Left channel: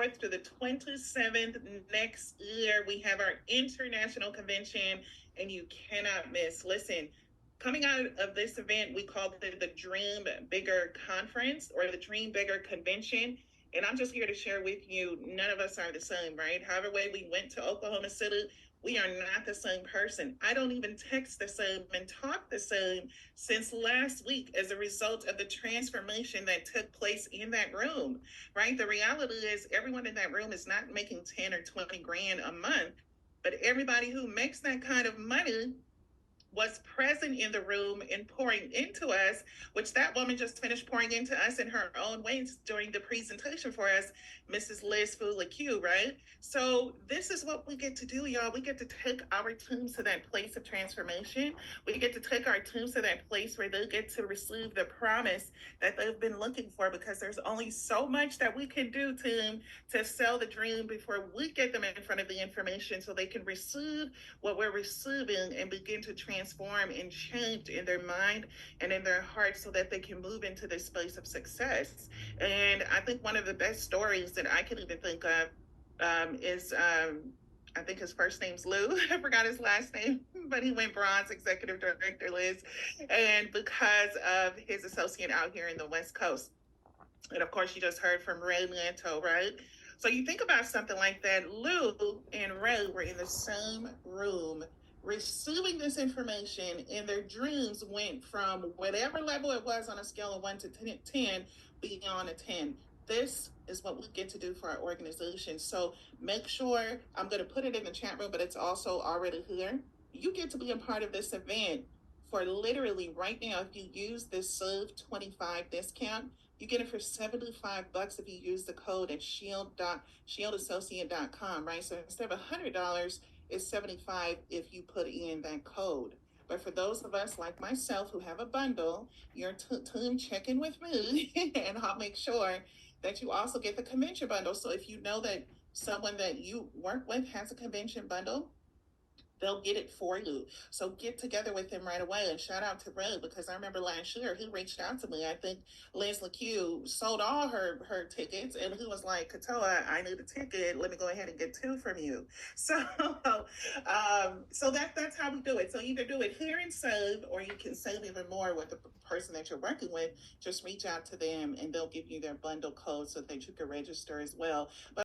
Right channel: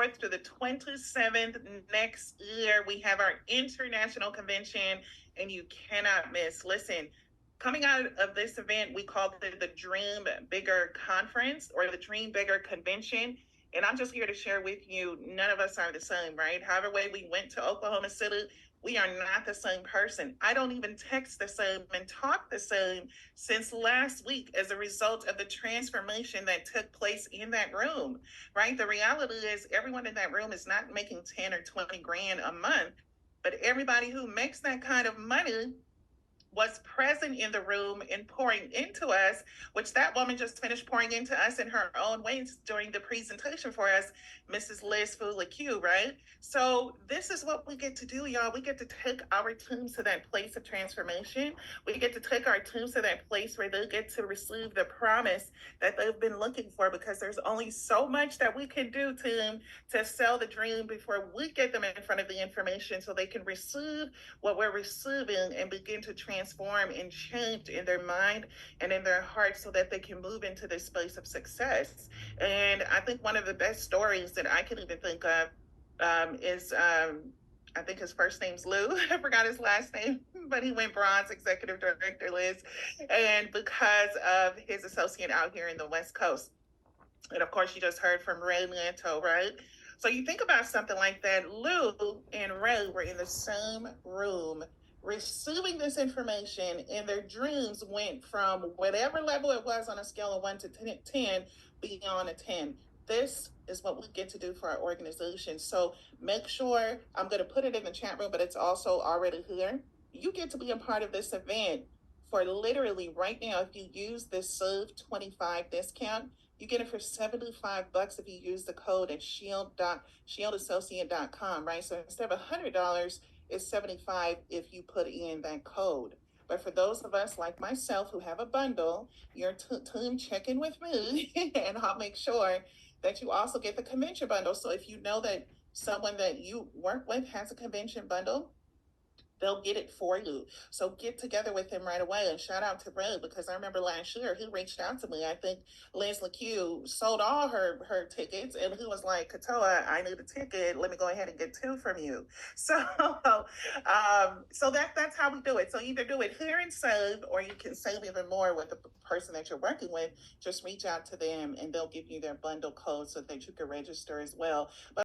24th to the 27th next year. We have our international convention, and you cannot miss. Listen, coming out of this event, we called it the Dream Bigger Conference or the Dream Bigger Convention. And I'm just here to share with you, none of us are the same, right? However way we went to Oklahoma City, we are not the same person. I don't even text the same and talk the same since last week as a result of the transformation that took place in that room, right? The reality is everyone in that room is not making 10 or 20 grand a month, but everybody who makes that kind of money was present in the room and pouring into us, which that woman just finished pouring into us in her own ways during the presentation for us, Mrs. Liz Fulique, right? So this is what we get to do, y'all. We get to take our teams to that place of transformation. We get to take our teams to that place where they get to receive the promise that they've been looking for, because there's only so much that we can do, team, to sell the dream before we get them in front of the information so they can receive what we're receiving and begin to transform and change in their mind and in their heart so that they can move into this space of success. And I think one of the best stories that I can even think of is I think his first name's Lou. I forgot his last name, but he went bronze, executive director, Liz. And because of his associate out here in the West Coast. And of course, you just heard from Ray Lanto, right? So you think about something like that. Lou and Ray were in the same room receiving this information, and their dreams went from whatever level it was on a scale of 1 to 10, beyond a 10. This is what we get to do for our organization. So make sure, I'm going to put it in the chat room, but it's also already here. You get to be a part of this event for literally right now. If you use this Save 25 discount, you get it for $75 if you use the code at shieldassociate.com, right? So instead of $100, it's $75 if you put in that code. But for those of us like myself who have a bundle, your team check in with me and I'll make sure that you also get the convention bundle. So if you know that someone that you work with has a convention bundle, they'll get it for you. So get together with him right away. And shout out to Ray, because I remember last year he reached out to me. I think Liz LeQ sold all her tickets, and he was like, Katoa, I need a ticket. Let me go ahead and get 2 from you. So that's how we do it. So either do it here and save, or you can save even more with the person that you're working with. Just reach out to them and they'll give you their bundle code so that you can register as well. But